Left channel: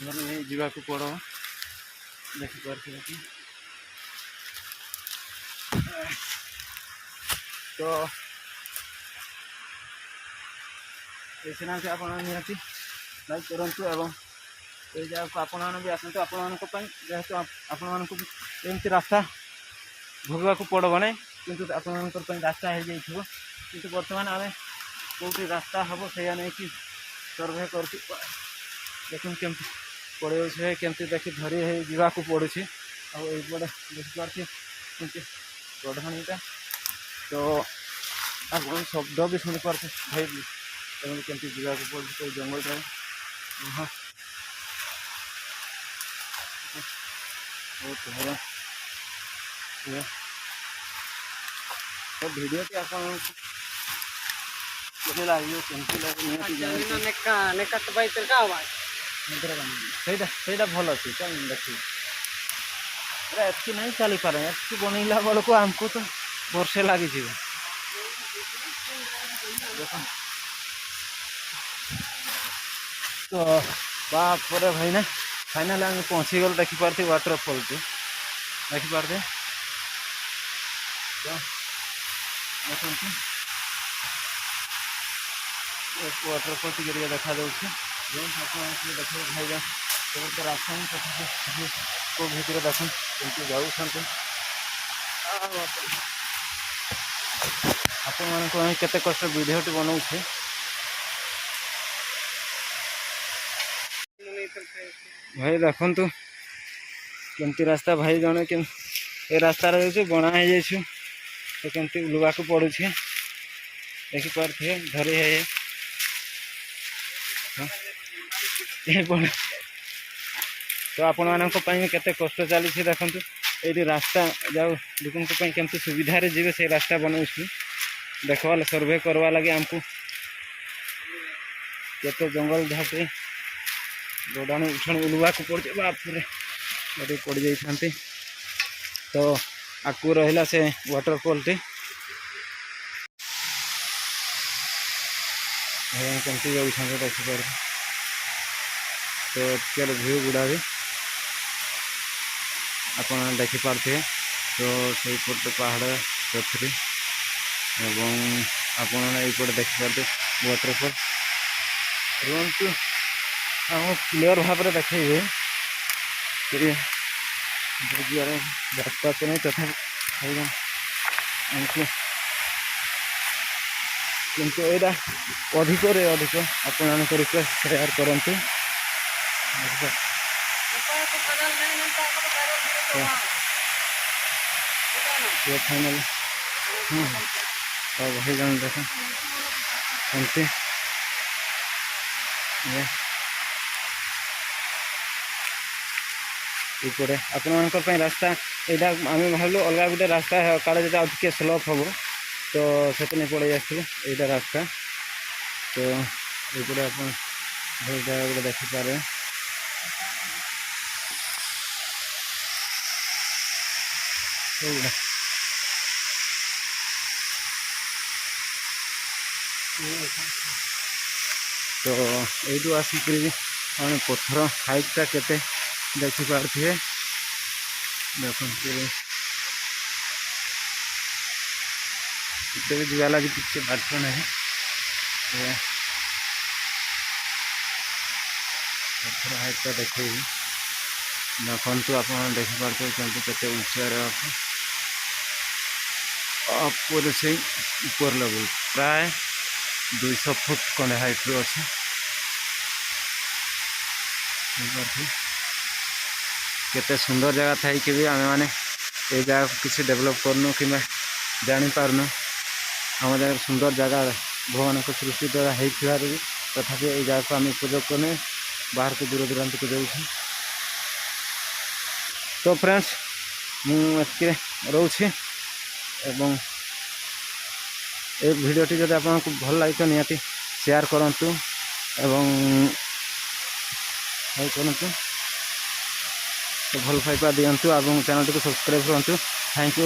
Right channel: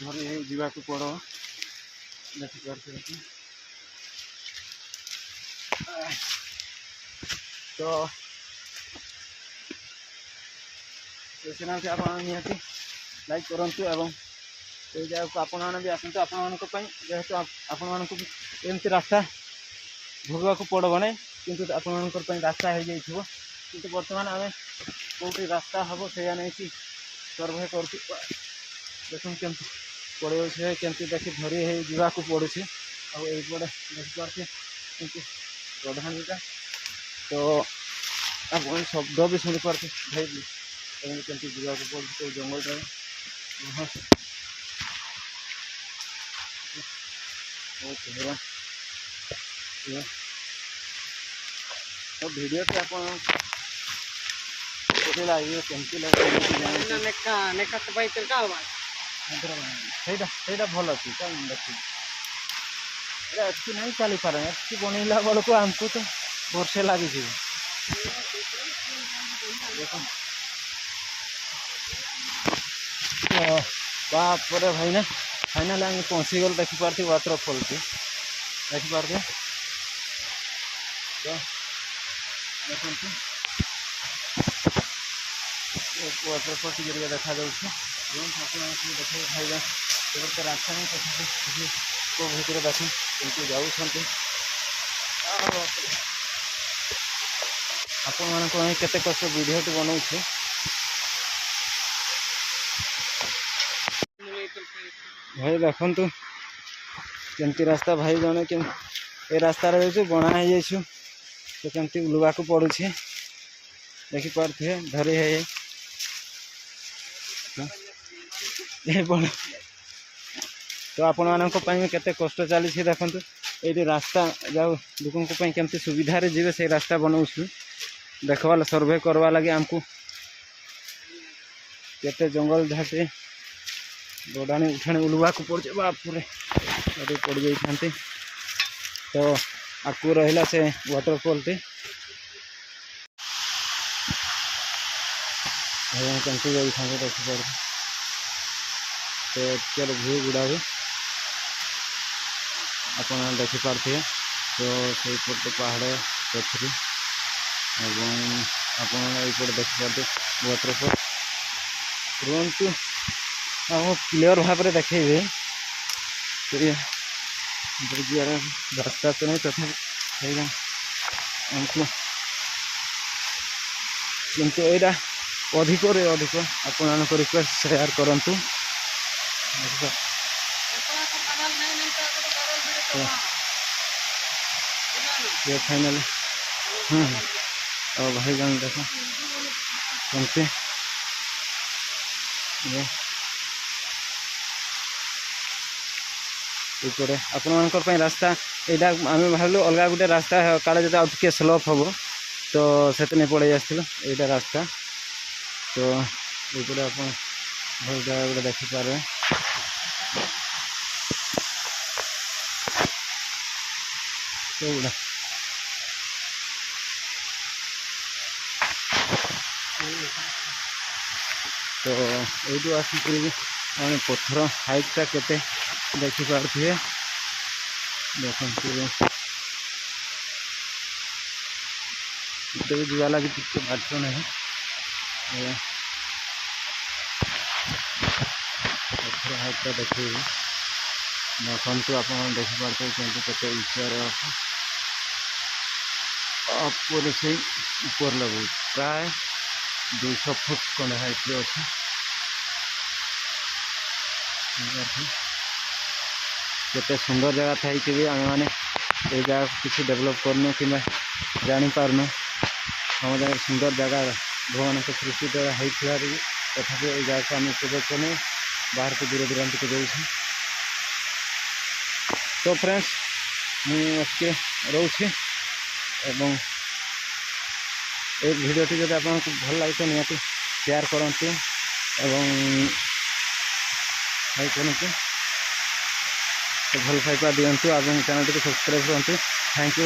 ଧରି ଯିବାକୁ ପଡ଼ ଦେଖିପାରୁଥିବେ କି। ତ এই ଚ୍ୟାନେଲଟି ଆପଣ ନିହାତି ଲାଇକ୍ କରନ୍ତୁ ଏବଂ এই ଜାଗାକୁ ଆପଣମାନେ ବି ଆସନ୍ତୁ ଆପଣମାନଙ୍କ ପାଇଁ, ଯେହେତୁ ଆପଣମାନଙ୍କୁ ଏମିତି ରାସ୍ତା ଭୋଗିବାକୁ ପଡ଼ିବ ନାହିଁ, କିନ୍ତୁ ଆପଣମାନଙ୍କର ପାଇଁ ରାସ୍ତା ହେଇଯାଇଥିବ। କିନ୍ତୁ ବର୍ତ୍ତମାନ ଆମେ କେଉଁଠି ରାସ୍ତା ହେବ ସେଇଆ ନେଇକି ସର୍ଭେ କରୁଛୁ। ଦେଖନ୍ତୁ କେମିତି ପଡ଼ିଯାଉଛି, କେମିତି ଦେଖି ଧରି ହେଇ ଯିବାକୁ ପଡ଼ୁଛି। ଆଉ ଏଇପଟେ ଦେଖିପାରୁଛି କେମିତି ଗଢ଼ାଣିଟା, ତ ଆପଣ ଶବ୍ଦ ବି ଶୁଣିପାରୁଛି ଭାଇ ଏମିତି କେମିତି ଯିବାକୁ ପଡ଼ୁଛି ସେଇ ଜଙ୍ଗଲଟାରେ। ବହୁତ ଭଲ तो वीडियो पे आप ଲାଗିବ କେମିତି ସେଇଟା ଭଲ ଅଛି କାହିଁ ଦେଖି ଏଠି ନାହିଁ ଚାଲିପାରେ, ଏଠି ବନେଇଲା ବେଳକୁ ଆମକୁ ତ ବର୍ଷେ ଲାଗିଯିବ। ତ ବାପରେ ଭାଇନା फाइनाल आम पहुँचीगल देखिपारे वाटरफॉल को देखिपारे। तो देखते वाटरफॉल टी देखा देखे खाइबा तो रास्ता ही तथा को भीतर देख कमी जाऊँ आपण मान केते कष्ट वीडियोटी बनाऊे। भाई देखु केमती रास्ता भाई जड़े के रास्ता रही बना हो जाइए तो केमती उलवा को पड़ू देखिपारे धरी है तो आपण मान केते कष्ट चली देखु ये रास्ता जाऊ लोकों केमती सुविधा जी से रास्ता बनाऊँ देखवा सर्वे करवा लगे आमको केते जंगल झाटी गोडाणी उठाणी उलवा को पड़े बापूरे पड़ जाती। तो आकू रहा से वाटरफॉल टी कमती जाऊँ देखिपार तो चलो व्यू गुड़ा भी आप देखिपारे। तो सही पट पहाड़ पथरी एवं आपटे देखिपारे वाटरफॉल रुहतु हम क्लीयर भाव में देखेबे रास्ता तो नहीं तथा आमको किंतु यहाँ अधिक अधिक आपण रिक्वेस्ट शेयर करूँ। ये फाइनल और भाई जान देखो कमती इपटे आपण रास्ता यहाँ आम भाविलु अलग गोटे रास्ता काले जो आउट स्लोप हम तो से पड़े आसलु यहाँ रास्ता। तो ये आप भल जगह गोटे देखिपारे तो यू आसिक पत्थर हाइटा केते देखिपारे देखते भी जुआ लगे किसी बात नहीं पत्थर हाइटा देखे देखु आप देखिपारे केते ऊंचार आपरे से ऊपर लेवल प्राय 200 फुट खंडे हाइट अच्छे केते सुंदर जगह थी कि भी आम मैंने ये जगह किसी डेवलप करनु कि जापारनु आम जगह सुंदर जगह भगवान सृष्टि द्वारा होता भी तथापि ये जगह को आम उपयोग करनी बाहर को दूर दूरांत को जाऊँ। तो फ्रेंड्स मुझे रोचे एवं एक भिडियोटी जब आपको भल लगे तो निहाती शेयर करूँ एवं लाइक करूँ तो भल पाइपा दिंतु और चैनल को सब्सक्राइब करूँ। Thank you.